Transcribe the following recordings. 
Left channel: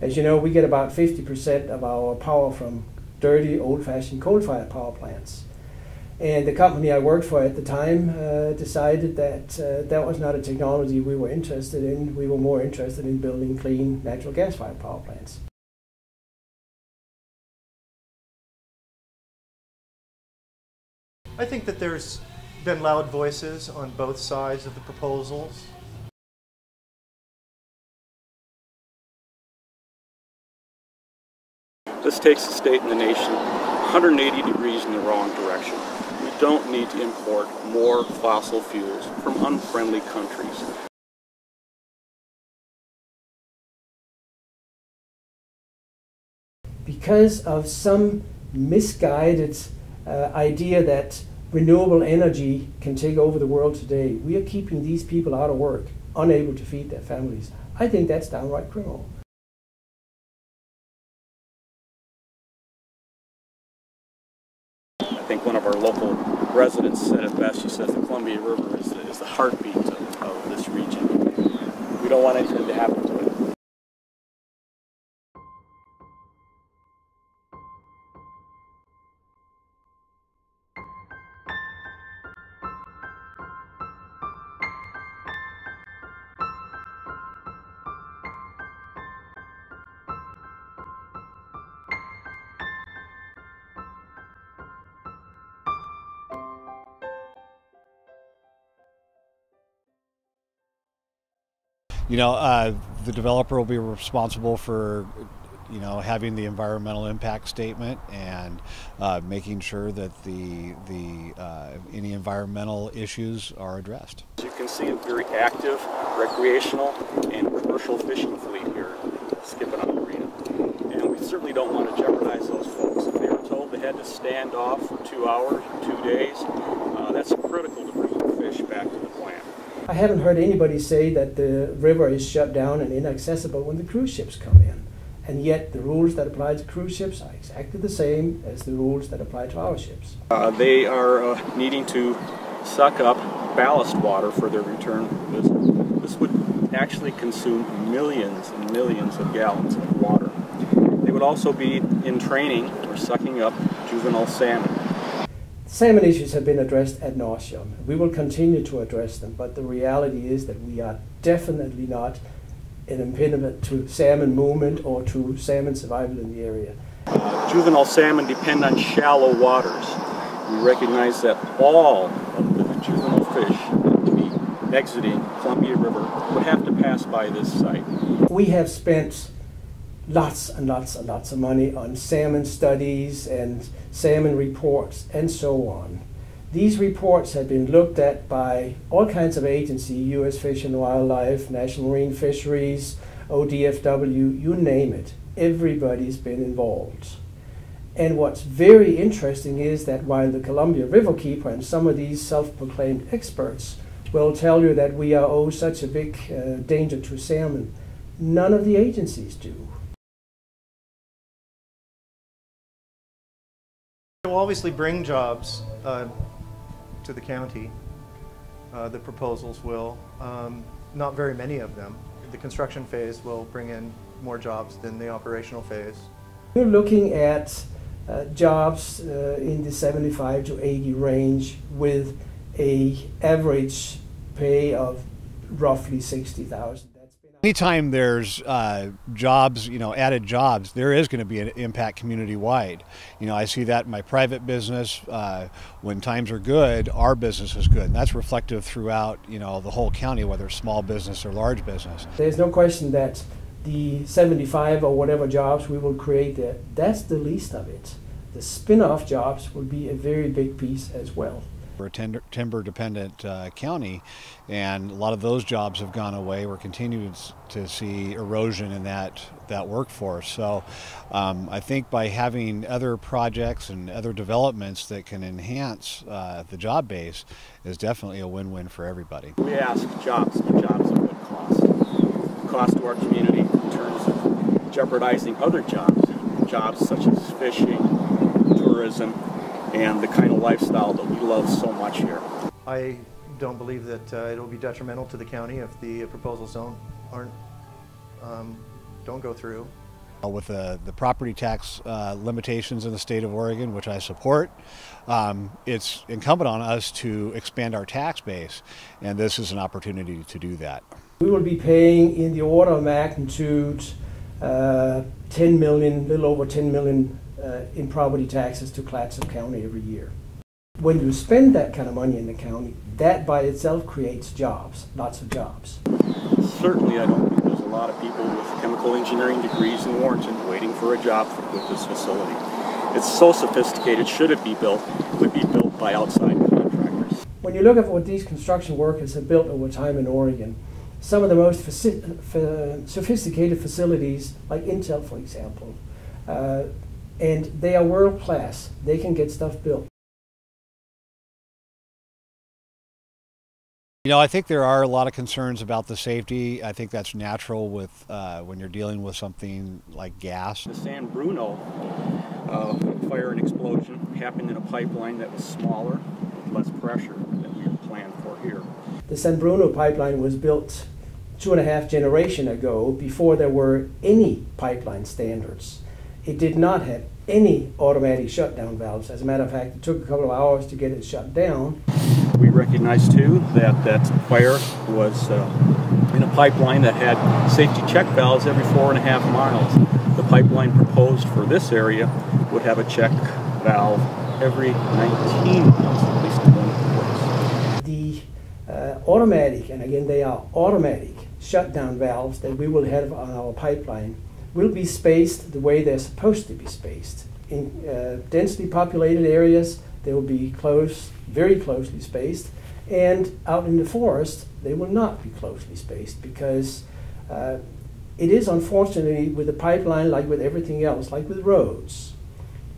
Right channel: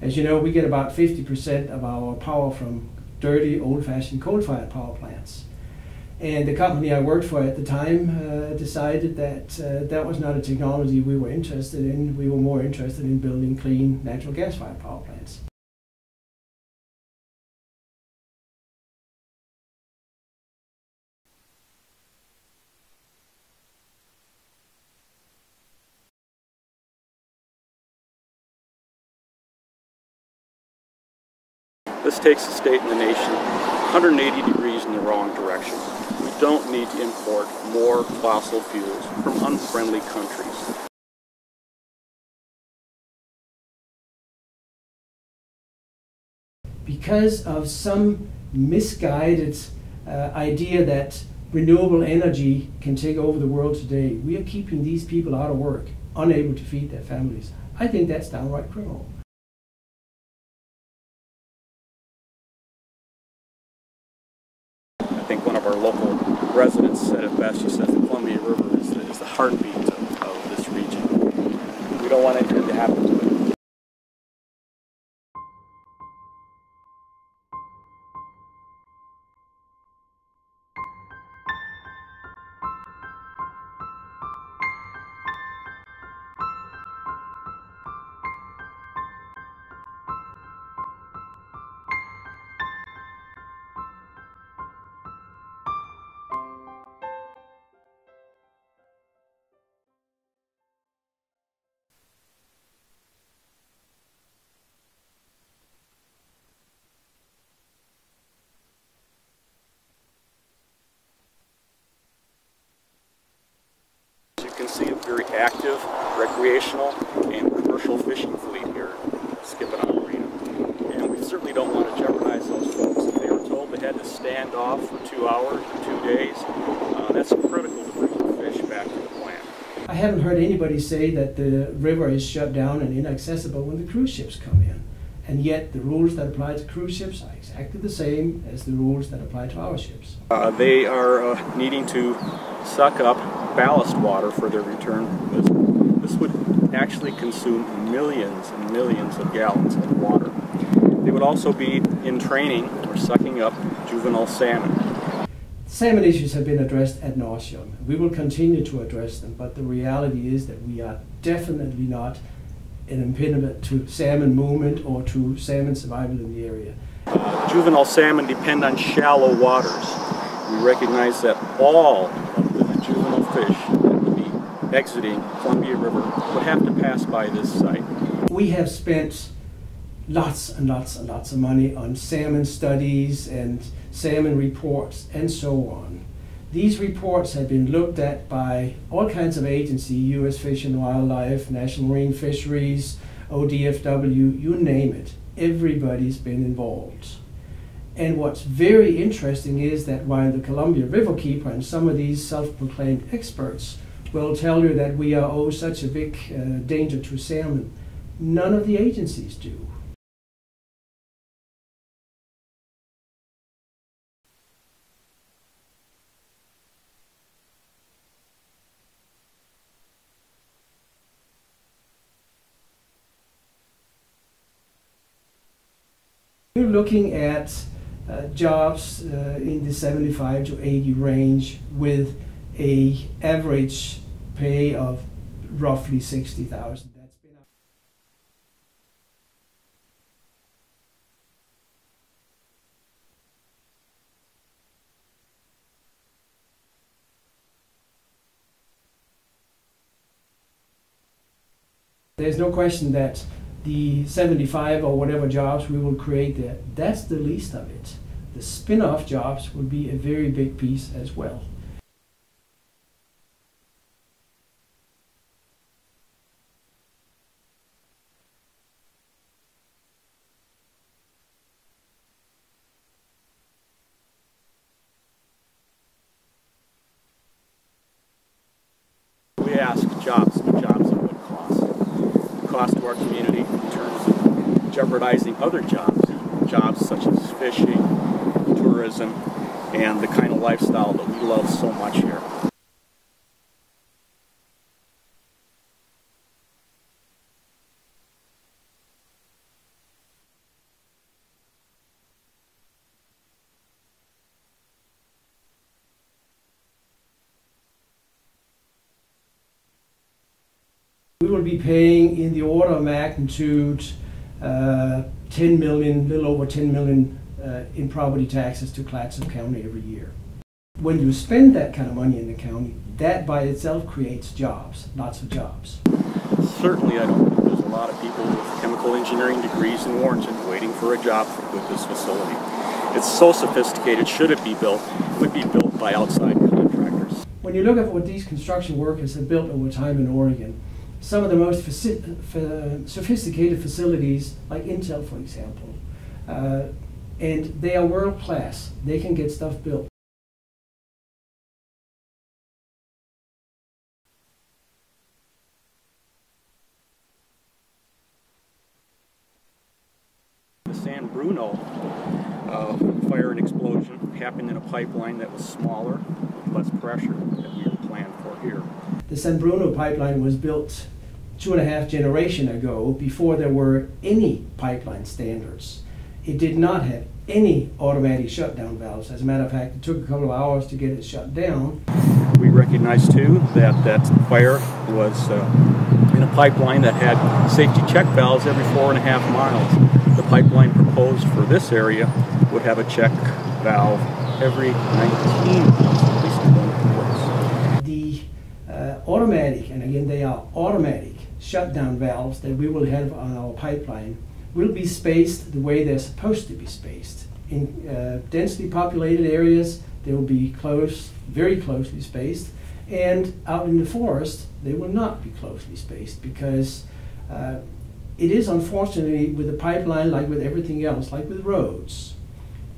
As you know, we get about 50% of our power from dirty, old-fashioned coal-fired power plants. And the company I worked for at the time decided that that was not a technology we were interested in. We were more interested in building clean natural gas-fired power plants. I think that there's been loud voices on both sides of the proposals. This takes the state and the nation 180 degrees in the wrong direction. We don't need to import more fossil fuels from unfriendly countries. Because of some misguided idea that renewable energy can take over the world today, we are keeping these people out of work, unable to feed their families. I think that's downright criminal. I think one of our local residents said it best. She says the Columbia River is the heartbeat of this region. We don't want anything to happen to it. You know, the developer will be responsible for, you know, having the environmental impact statement and making sure that any environmental issues are addressed. As you can see, a very active recreational and commercial fishing fleet here skipping on the marina. And we certainly don't want to jeopardize those folks. If they were told they had to stand off for 2 hours or 2 days, that's critical to bringing fish back to the plant. I haven't heard anybody say that the river is shut down and inaccessible when the cruise ships come in. And yet the rules that apply to cruise ships are exactly the same as the rules that apply to our ships. They are needing to suck up ballast water for their return visit. This would actually consume millions and millions of gallons of water. They would also be in training or sucking up juvenile salmon. Salmon issues have been addressed ad nauseum. We will continue to address them, but the reality is that we are definitely not an impediment to salmon movement or to salmon survival in the area. Juvenile salmon depend on shallow waters. We recognize that all of the juvenile fish that would be exiting Columbia River would have to pass by this site. We have spent lots and lots and lots of money on salmon studies and salmon reports and so on. These reports have been looked at by all kinds of agencies, U.S. Fish and Wildlife, National Marine Fisheries, ODFW, you name it. Everybody's been involved. And what's very interesting is that while the Columbia River Keeper and some of these self-proclaimed experts will tell you that we are such a big danger to salmon, none of the agencies do. It will obviously bring jobs to the county. The proposals will. Not very many of them. The construction phase will bring in more jobs than the operational phase. We're looking at jobs in the 75 to 80 range with an average pay of roughly $60,000. Anytime there's jobs, you know, added jobs, there is going to be an impact community-wide. You know, I see that in my private business. When times are good, our business is good. And that's reflective throughout, you know, the whole county, whether it's small business or large business. There's no question that the 75 or whatever jobs we will create there, that's the least of it. The spin-off jobs will be a very big piece as well. We're a timber-dependent county, and a lot of those jobs have gone away. We're continuing to see erosion in that workforce. So I think by having other projects and other developments that can enhance the job base is definitely a win-win for everybody. We ask jobs, but jobs at what cost? The cost to our community in terms of jeopardizing other jobs, jobs such as fishing, tourism, and the kind of lifestyle that we love so much here. I don't believe that it will be detrimental to the county if the proposals don't go through. With the property tax limitations in the state of Oregon, which I support, it's incumbent on us to expand our tax base, and this is an opportunity to do that. We will be paying in the order of magnitude 10 million, little over 10 million in property taxes to Clatsop County every year. When you spend that kind of money in the county, that by itself creates jobs, lots of jobs. Certainly, I don't think there's a lot of people with chemical engineering degrees in Warrenton waiting for a job with this facility. It's so sophisticated. Should it be built, it would be built by outside contractors. When you look at what these construction workers have built over time in Oregon, some of the most sophisticated facilities, like Intel, for example, and they are world class. They can get stuff built. You know, I think there are a lot of concerns about the safety. I think that's natural with when you're dealing with something like gas. The San Bruno fire and explosion happened in a pipeline that was smaller, with less pressure than we had planned for here. The San Bruno pipeline was built 2.5 generations ago, before there were any pipeline standards. It did not have any automatic shutdown valves. As a matter of fact, it took a couple of hours to get it shut down. We recognize too that fire was in a pipeline that had safety check valves every 4.5 miles. The pipeline proposed for this area would have a check valve every 19 miles, at least in one place. The automatic, and again they are automatic, shutdown valves that we will have on our pipeline will be spaced the way they're supposed to be spaced. In densely populated areas, they will be close, very closely spaced, and out in the forest, they will not be closely spaced, because it is unfortunately with the pipeline, like with everything else, like with roads,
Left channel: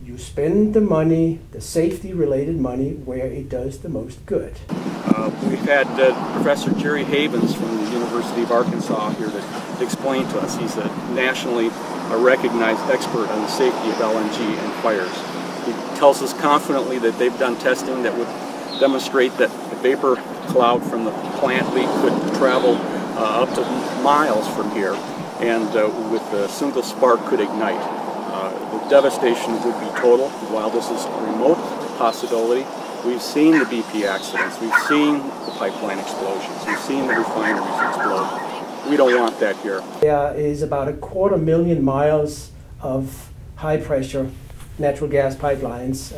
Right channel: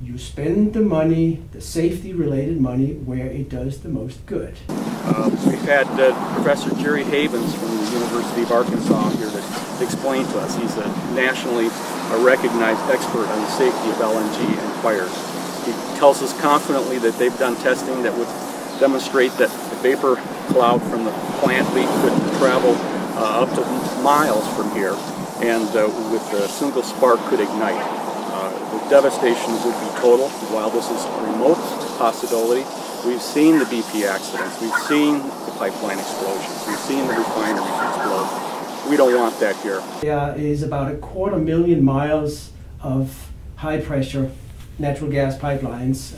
you spend the money, the safety-related money, where it does the most good. We've had Professor Jerry Havens from the University of Arkansas here to explain to us. He's a nationally recognized expert on the safety of LNG and fires. He tells us confidently that they've done testing that would demonstrate that the vapor cloud from the plant leak could travel up to miles from here, and with a single spark could ignite. The devastation would be total. While this is a remote possibility, we've seen the BP accidents, we've seen the pipeline explosions, we've seen the refineries explode. We don't want that here. There is about 250,000 miles of high-pressure natural gas pipelines,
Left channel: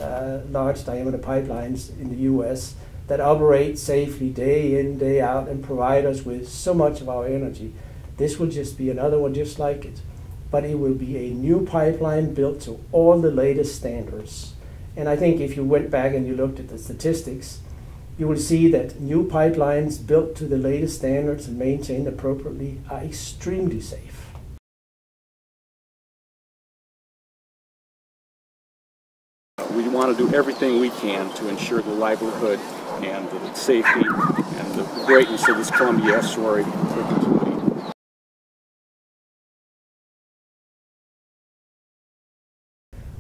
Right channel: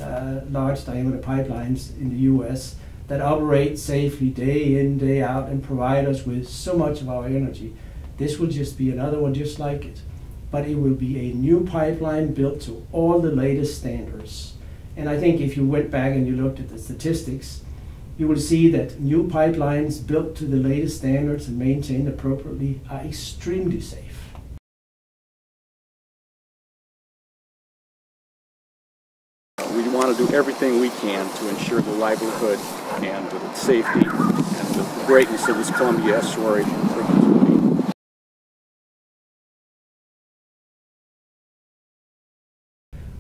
large diameter pipelines in the U.S. that operate safely day in, day out, and provide us with so much of our energy. This will just be another one just like it. But it will be a new pipeline built to all the latest standards. And I think if you went back and you looked at the statistics, you will see that new pipelines built to the latest standards and maintained appropriately are extremely safe. We want to do everything we can to ensure the livelihood and the safety and the greatness of this Columbia estuary perpetuity.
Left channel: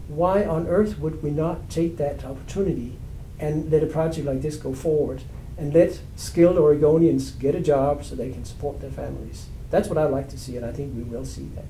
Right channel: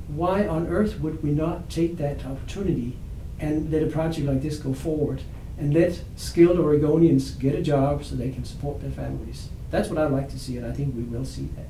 Why on earth would we not take that opportunity and let a project like this go forward and let skilled Oregonians get a job so they can support their families? That's what I'd like to see, and I think we will see that.